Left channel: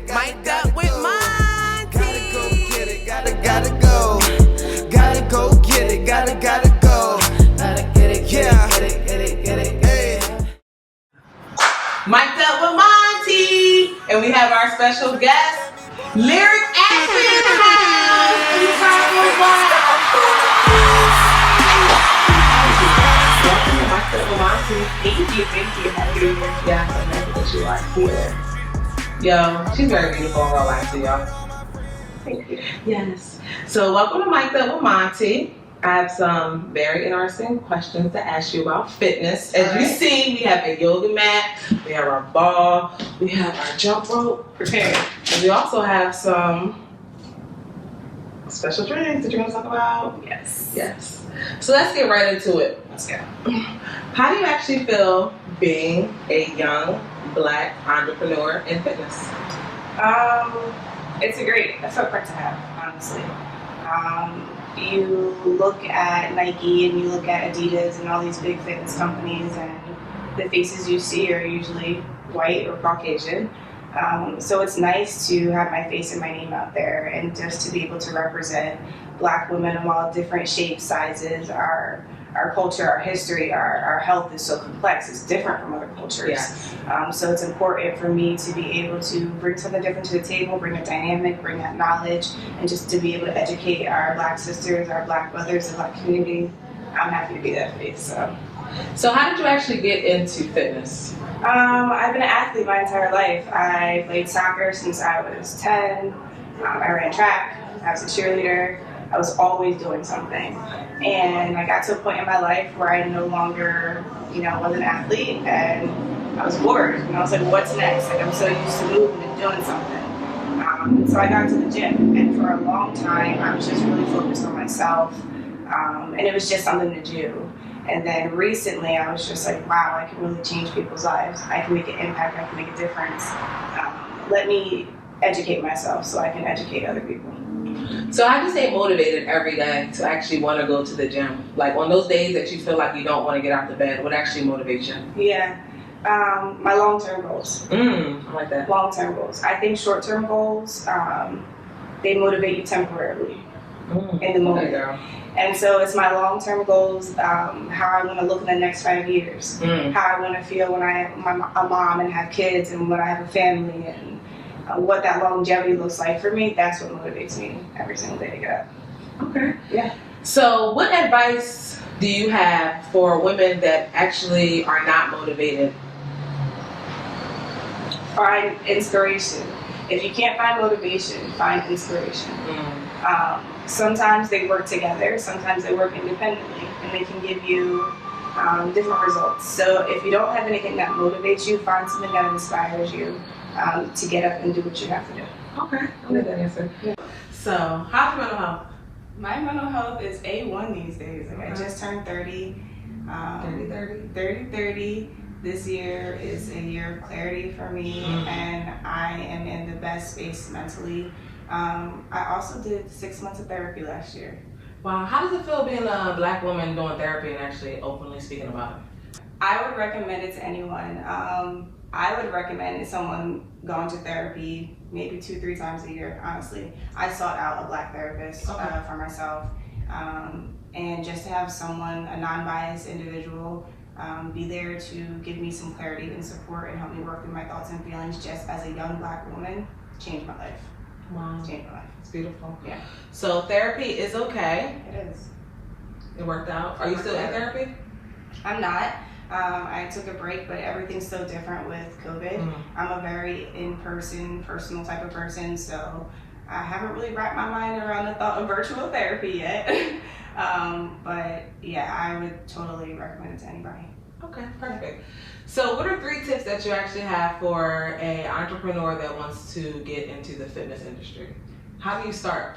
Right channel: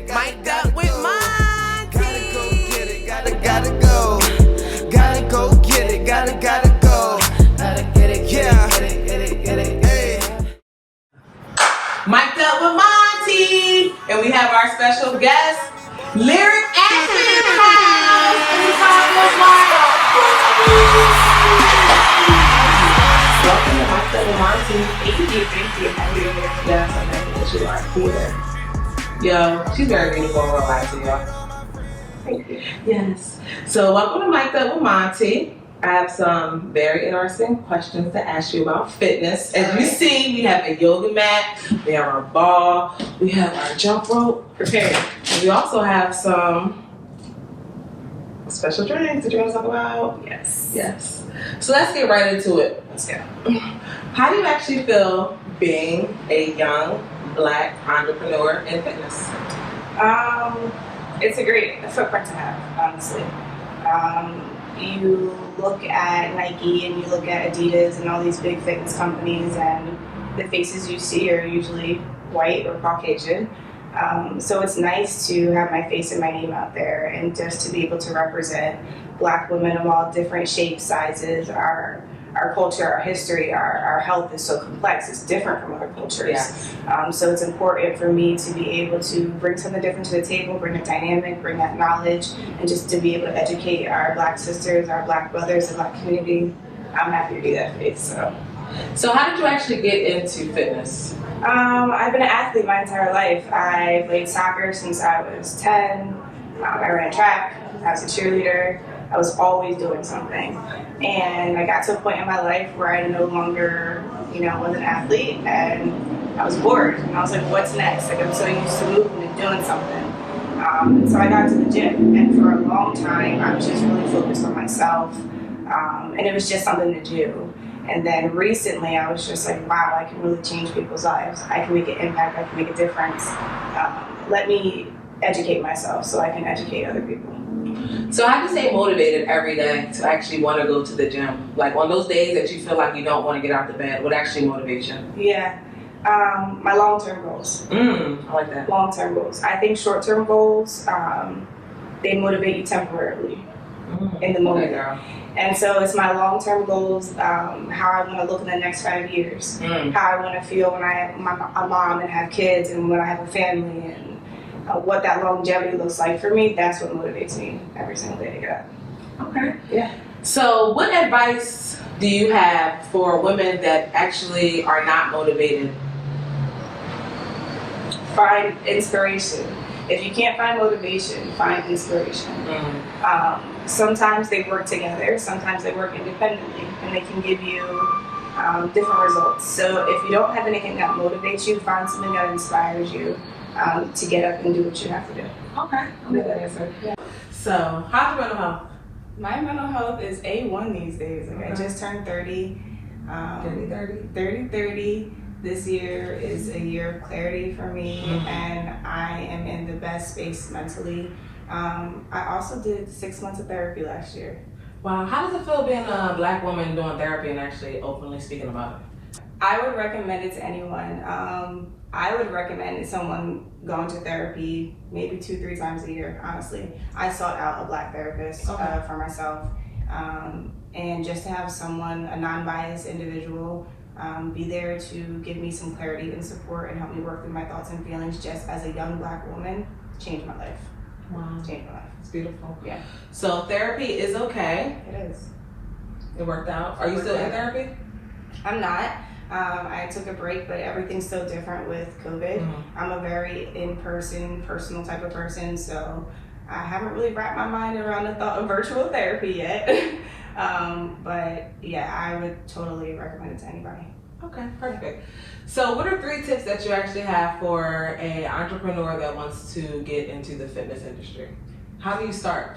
it, Mic'd up with Monty. Gotta go get it, gotta go. Gotta go get it, gotta go. Gotta get it, Yeah. get it. Hey. Mic'd up with Monty. And we have our special guest, Lyric Ashley in the house. Everybody was welcome to Mic'd up with Monty. Thank you. Yes, I know that you are here. Yo, she's very beautiful in real life, y'all. Thank you. Yes. So welcome to Mic'd Up with Monty. I have some very interesting questions to ask you about fitness. As you see, we have a yoga mat, we have our ball, we have our jump rope. Okay. And we also have some special drinks that you're going to talk about. Yes. Yes. So let's get right into it. Let's go. How do you actually feel being a young Black entrepreneur in fitness? It's a fun part to have, honestly. You look at Nike and you look at Adidas and all these big fitness companies, and the faces you see are usually white or Caucasian. So it's nice to have my face and my name out there, and just to be able to represent Black women of all different shapes, sizes, our culture, our history, our health is so complex. It's different from other cultures. Yes. So it's important for me to be able to bring something different to the table, bring a dynamic, bring that knowledge, and just to be able to educate our Black sisters, our Black brothers, the Black community. I'm happy to be that face. So how did you actually get into fitness? I've been an athlete my entire life. I played soccer since I was 10. I ran track. I was a cheerleader. I was always doing something. And I got to a point in my life where I no longer, was an athlete, and I was bored. And I was like, what's next? Like, I'm so used to moving and doing something. So I got to the gym, and for a long time, I was just really focused on myself. And it was just something to do. And then recently, I was just like, wow, I can really change people's lives. I can make an impact. I can make a difference. Let me educate myself so I can educate other people. So how do you stay motivated every day to actually want to go to the gym? Like on those days that you feel like you don't want to get out of bed, what actually motivates you? Yeah, my long-term goals. I like that. Long-term goals. I think short-term goals, they motivate you temporarily in the moment. Okay, girl. And so it's my long-term goals, how I want to look in the next 5 years, how I want to feel when I'm a mom and have kids, and when I have a family, and what that longevity looks like for me. That's what motivates me every single day to get up. Okay. Yeah. So what advice do you have for women that actually are not motivated? Find inspiration. If you can't find motivation, find inspiration. Sometimes they work together, sometimes they work independently, and they can give you different results. So if you don't have anything that motivates you, find something that inspires you to get up and do what you have to do. Okay, I'll get that answer. Yeah. So, how's your mental health? My mental health is A1 these days. Like, Okay. I just turned 30. 30. This year is a year of clarity for me, and I am in the best space mentally. I also did 6 months of therapy last year. Wow, how does it feel being a Black woman doing therapy and actually openly speaking about it? I would recommend it to anyone. I would recommend someone going to therapy maybe 2-3 times a year, honestly. I sought out a Black therapist for myself. And just to have someone, a non-biased individual, be there to give me some clarity and support and help me work through my thoughts and feelings just as a young Black woman changed my life. Wow. Changed my life. It's beautiful. Yeah. So therapy is okay. It is. It worked out. Are you still in therapy? I'm not. I took a break, but everything's so different with COVID. I'm a very in-person, personal type of person, so I haven't really wrapped my mind around the thought of virtual therapy yet. But yeah, I would totally recommend it to anybody. Okay, perfect. So what are 3 tips that you actually have for an entrepreneur that wants to get into the fitness industry? How do you start?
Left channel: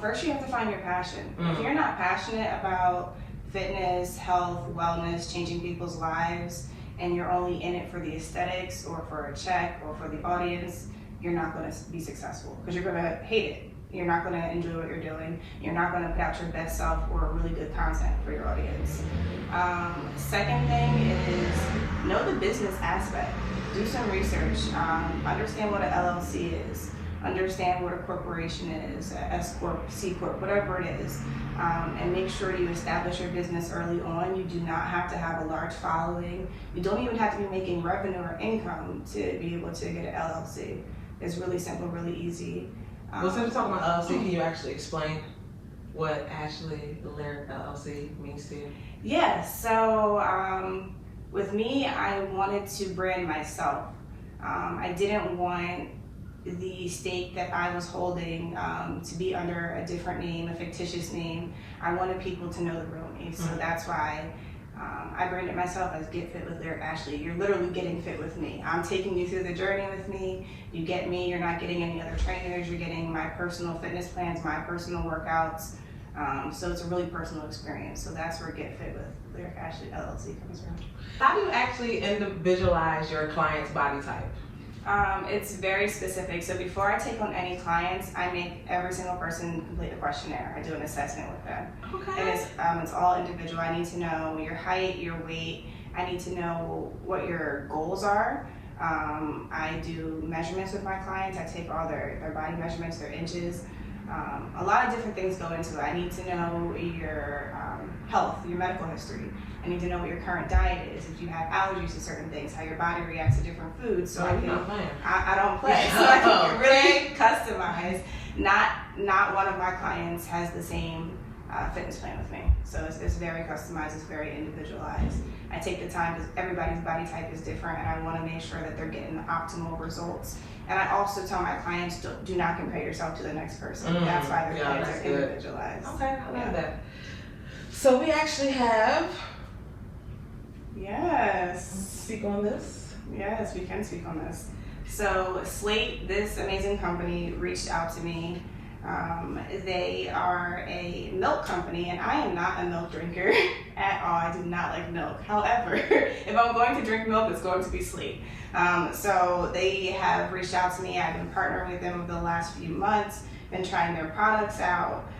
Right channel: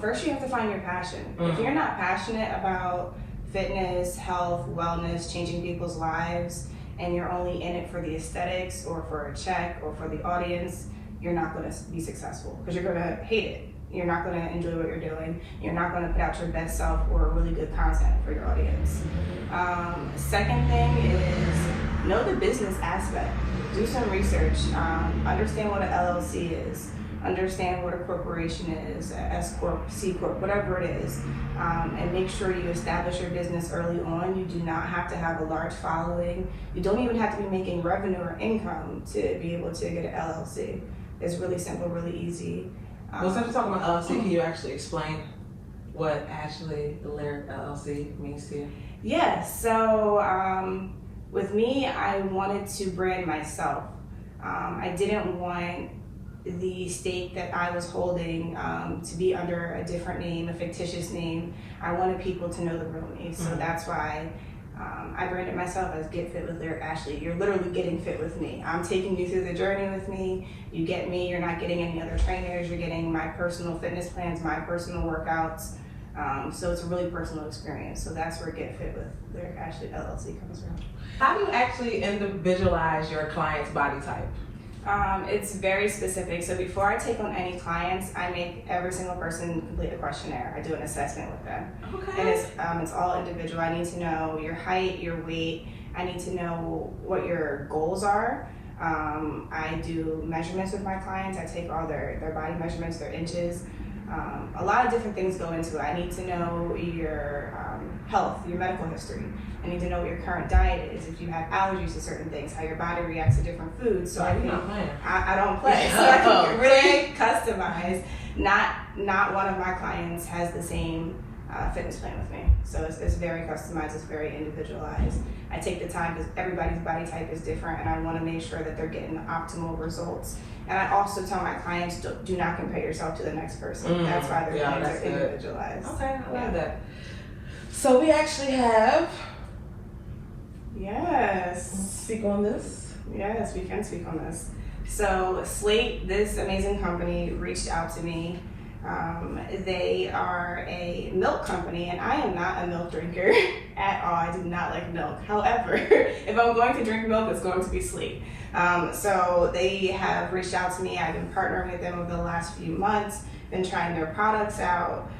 First, you have to find your passion. If you're not passionate about fitness, health, wellness, changing people's lives, and you're only in it for the aesthetics or for a check or for the audience, you're not going to be successful because you're going to hate it. You're not going to enjoy what you're doing. You're not going to put out your best self or really good content for your audience. Second thing is know the business aspect. Do some research. Understand what an LLC is. Understand what a corporation is, a S Corp, C Corp, whatever it is. And make sure you establish your business early on. You do not have to have a large following. You don't even have to be making revenue or income to be able to get an LLC. It's really simple, really easy. Well, since we're talking about LLC, can you actually explain what actually the Lyric LLC means to you? Yeah, so with me, I wanted to brand myself. I didn't want the stake that I was holding to be under a different name, a fictitious name. I wanted people to know the real me, so that's why I branded myself as Get Fit with Lyric Ashley. You're literally getting fit with me. I'm taking you through the journey with me. You get me, you're not getting any other trainers, you're getting my personal fitness plans, my personal workouts. So it's a really personal experience. So that's where Get Fit with Lyric Ashley LLC comes from. How do you actually individualize your client's body type? It's very specific. So before I take on any clients, I make every single person complete a questionnaire. I do an assessment with them. Okay. And it's all individual. I need to know your height, your weight. I need to know what your goals are. I do measurements with my clients. I take all their body measurements, their inches. A lot of different things go into it. I need to know your health, your medical history. I need to know what your current diet is, if you have allergies to certain things, how your body reacts to different foods. So I don't play. So I can really customize. Not one of my clients has the same fitness plan with me. So it's very customized, it's very individualized. I take the time because everybody's body type is different and I want to make sure that they're getting the optimal results. And I also tell my clients, do not compare yourself to the next person. That's why their plans are individualized. Okay, I love that. So we actually have... Yes. Speak on this. Yes, we can speak on this. So Slate, this amazing company, reached out to me. They are a milk company, and I am not a milk drinker at all. I do not like milk. However, if I'm going to drink milk, it's going to be Slate. So they have reached out to me. I've been partnering with them over the last few months, been trying their products out.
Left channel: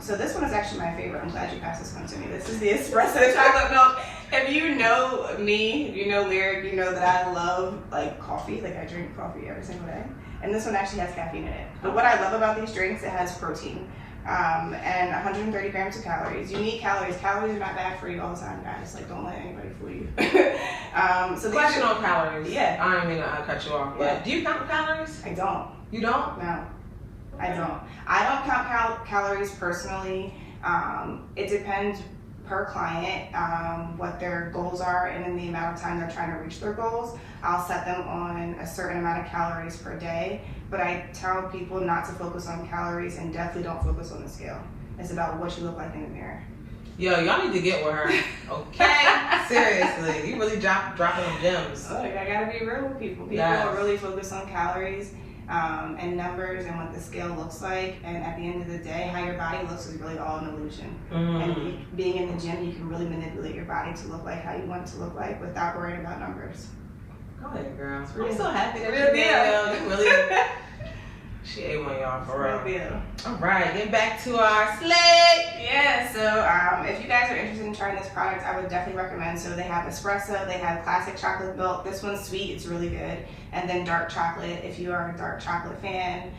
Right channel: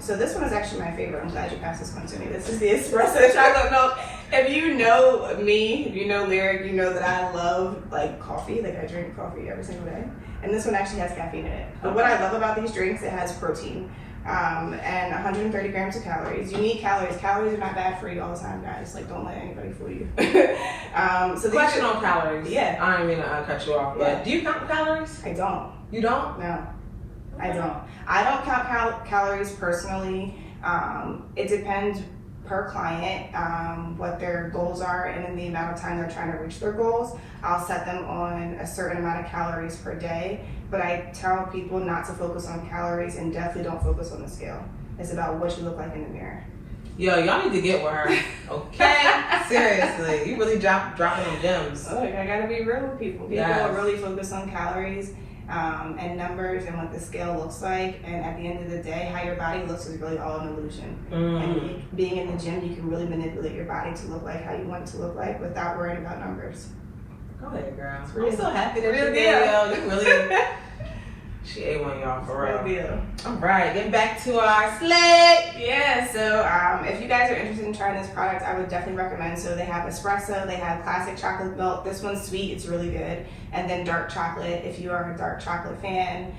So this one is actually my favorite. I'm glad you passed this one to me. This is the espresso chocolate milk. If you know me, you know Lyric, you know that I love like coffee. Like I drink coffee every single day. And this one actually has caffeine in it. But what I love about these drinks, it has protein and 130 grams of calories. You need calories. Calories are not bad for you all the time, guys. Like don't let anybody fool you. So question on calories. Yeah. I don't mean to cut you off, but do you count calories? I don't. You don't? No, I don't. I don't count calories personally. It depends per client, what their goals are and in the amount of time they're trying to reach their goals. I'll set them on a certain amount of calories per day, but I tell people not to focus on calories and definitely don't focus on the scale. It's about what you look like in the mirror. Yo, y'all need to get with her. Okay? Seriously. You really dropping them gems. Look, I gotta be real with people. People really focus on calories and numbers and what the scale looks like, and at the end of the day, how your body looks is really all an illusion. And being in the gym, you can really manipulate your body to look like how you want it to look like without worrying about numbers. Go ahead, girl. I'm so happy that Real you're there. deal. You really... She ate one of y'all for real. Deal. All right, getting back to our Slate. Yeah, so if you guys are interested in trying this product, I would definitely recommend. So they have espresso, they have classic chocolate milk. This one's sweet, it's really good. And then dark chocolate. If you are a dark chocolate fan,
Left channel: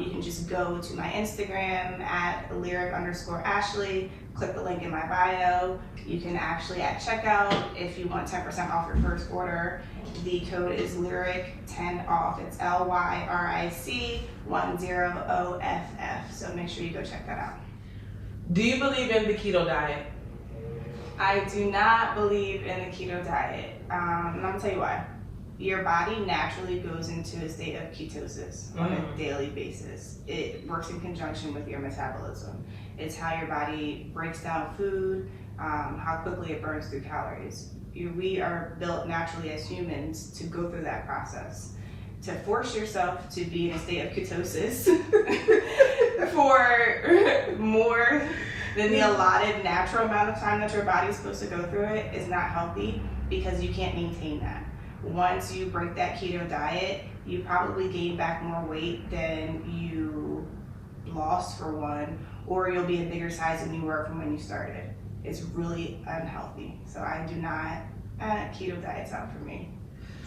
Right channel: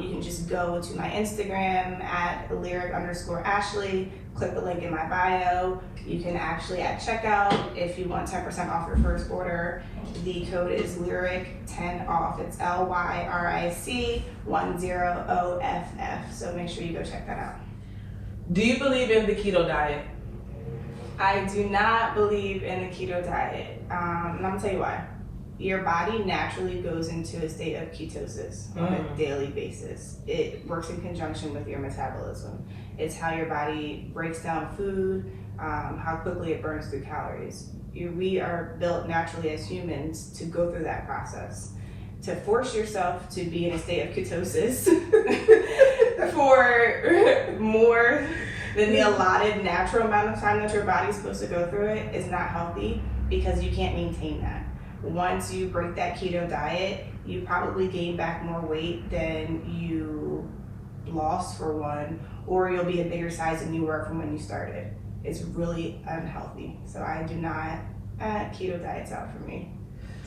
you can just go to my Instagram at lyric_Ashley. Click the link in my bio. You can actually at checkout, if you want 10% off your first order, the code is LYRIC10OFF. It's LYRIC 10OFF. So make sure you go check that out. Do you believe in the keto diet? I do not believe in a keto diet. And I'm gonna tell you why. Your body naturally goes into a state of ketosis on a daily basis. It works in conjunction with your metabolism. It's how your body breaks down food, how quickly it burns through calories. We are built naturally as humans to go through that process. To force yourself to be in a state of ketosis for more than the allotted natural amount of time that your body's supposed to go through it is not healthy, because you can't maintain that. Once you break that keto diet, you probably gain back more weight than you lost, for one, or you'll be a bigger size than you were from when you started. It's really unhealthy. So I do not Keto diet's out for me.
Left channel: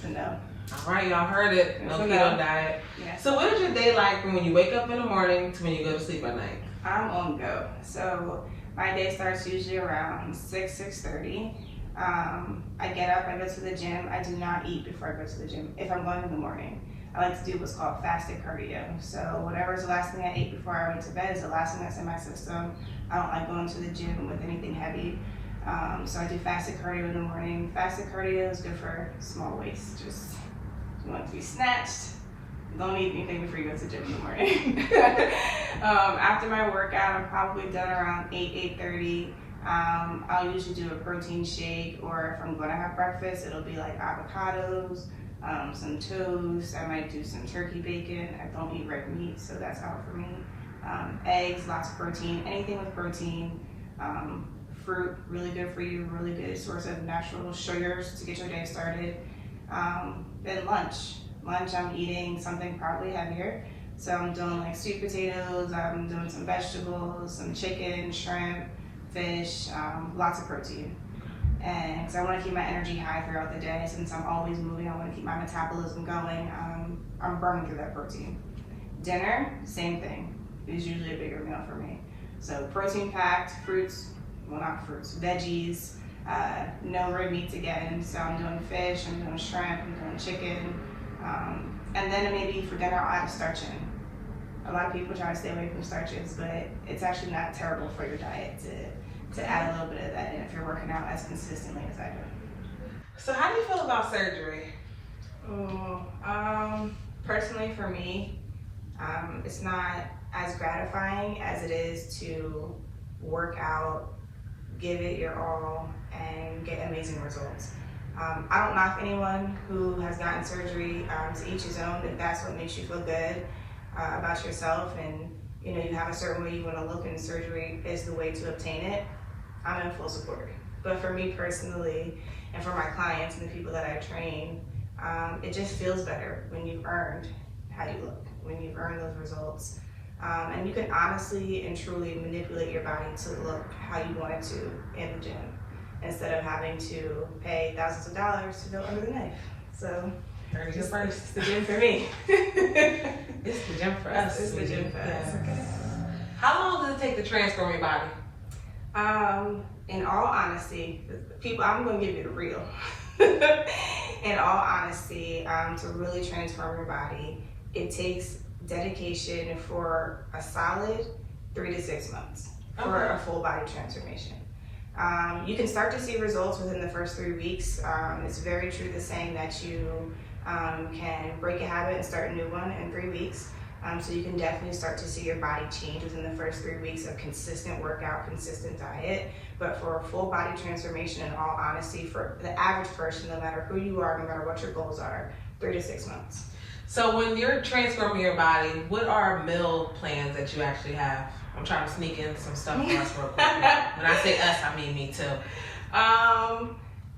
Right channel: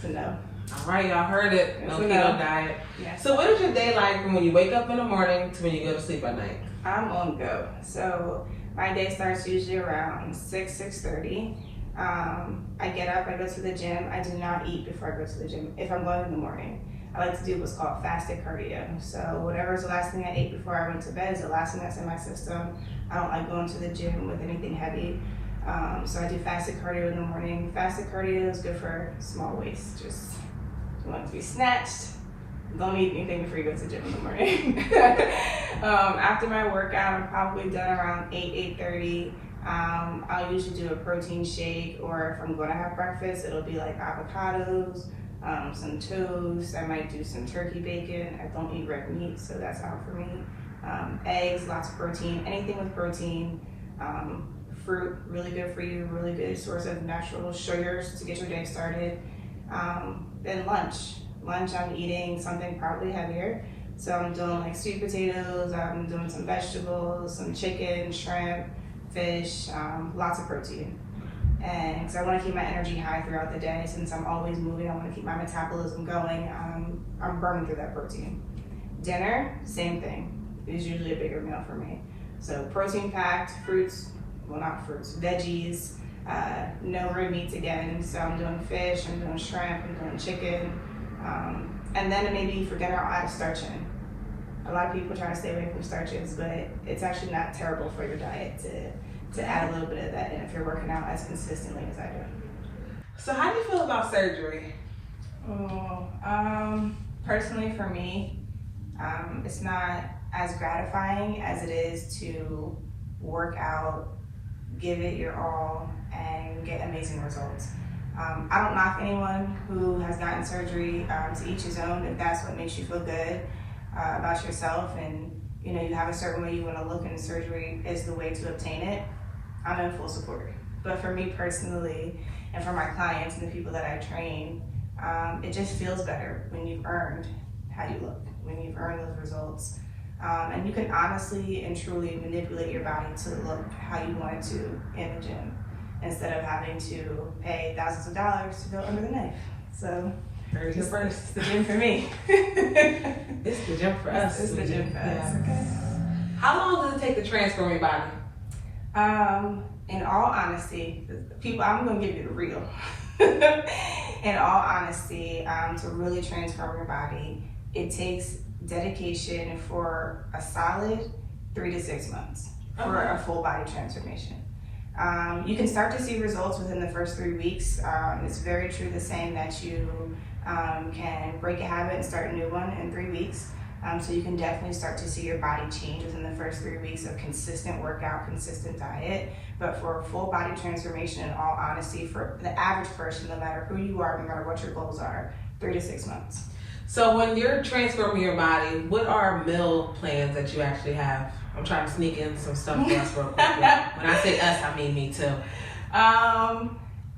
So no. All right, y'all heard it. No So keto no. diet. Yes. So what is your day like from when you wake up in the morning to when you go to sleep at night? I'm on go. So my day starts usually around 6:30. I get up, I go to the gym. I do not eat before I go to the gym if I'm going in the morning. I like to do what's called fasted cardio. So whatever is the last thing I ate before I went to bed is the last thing that's in my system. I don't like going to the gym with anything heavy. So I do fasted cardio in the morning. Fasted cardio is good for small waist. Just you want it to be snatched. Don't eat anything before you go to the gym in the morning. After my workout, I'm probably done around 8:30. I'll usually do a protein shake, or if I'm going to have breakfast, it'll be like avocados, some toast. I might do some turkey bacon. I don't eat red meat, so that's out for me. Eggs, lots of protein, anything with protein. Fruit, really good for you, really good source of natural sugars to get your day started. Then lunch, I'm eating something probably heavier. So I'm doing like sweet potatoes, I'm doing some vegetables, some chicken, shrimp, fish, lots of protein. And so I want to keep my energy high throughout the day. Since I'm always moving, I want to keep my metabolism going. I'm burning through that protein. Dinner, same thing. It's usually a bigger meal for me. So protein packed, fruits, well not fruits, veggies, no red meats again. So I'm doing fish, I'm doing shrimp, I'm doing chicken. And then maybe for dinner I'll add a starch in. A lot of people try to stay away from starches, but it's actually not terrible for your diet to add a little bit of that in if you're working out as consistently as I do. So how do you feel about surgery? Personally for me, it's not as gratifying as it is to work out, give it your all, and get amazing results. I don't knock anyone who has gotten surgery. To each his own. If that's what makes you feel good about yourself, and you have a certain way you want to look, and surgery is the way to obtain it, I'm in full support. But for me personally, and for my clients and the people that I train, it just feels better when you've earned how you look, when you've earned those results. And you can honestly and truly manipulate your body to look how you want it to in the gym, instead of having to pay thousands of dollars to go under the knife. So It's it's the gym for me. It's the gym for us. It's the gym for us. Okay. How long does it take to transform your body? In all honesty, people, I'm gonna give you the real. In all honesty, to really transform your body, it takes dedication for a solid 3 to 6 months for a full body transformation. You can start to see results within the first 3 weeks. It's very true the saying that you can break a habit and start a new one in 3 weeks. So you can definitely start to see your body change within the first 3 weeks of consistent workout, consistent diet. But for a full body transformation, in all honesty, for the average person, no matter who you are, no matter what your goals are, 3 to 6 months. So when you're transforming your body, what are meal plans that you actually have? I'm trying to sneak in some stuff for us real quick. When I say us, I mean me too.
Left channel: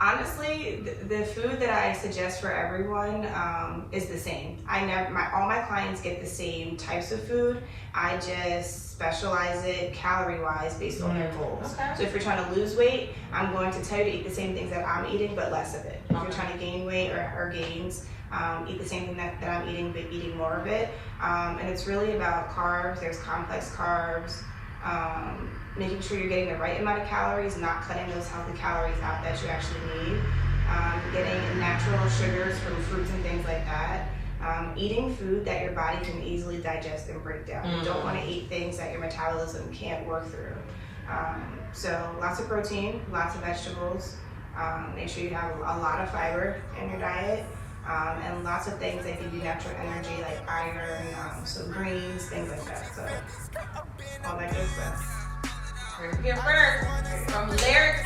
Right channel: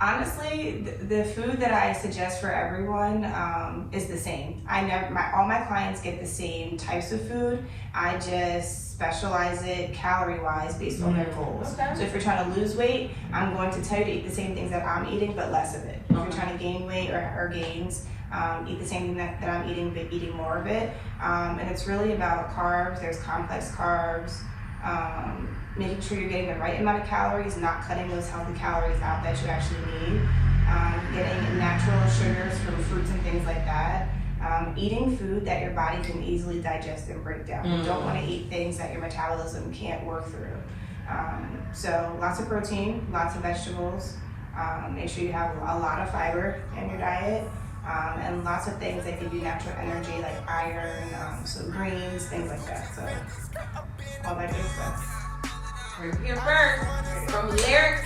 Honestly, the food that I suggest for everyone is the same. All my clients get the same types of food. I just specialize it calorie-wise based on their goals. Okay. So if you're trying to lose weight, I'm going to tell you to eat the same things that I'm eating, but less of it. If you're trying to gain weight or gains, eat the same thing that I'm eating, but eating more of it. And it's really about carbs. There's complex carbs. Making sure you're getting the right amount of calories, not cutting those healthy calories out that you actually need. Getting natural sugars from fruits and things like that. Eating food that your body can easily digest and break down. You don't want to eat things that your metabolism can't work through. So lots of protein, lots of vegetables. Make sure you have a lot of fiber in your diet. And lots of things that give you natural energy, like iron, some greens, things like that. So all that good stuff. First, from lyrics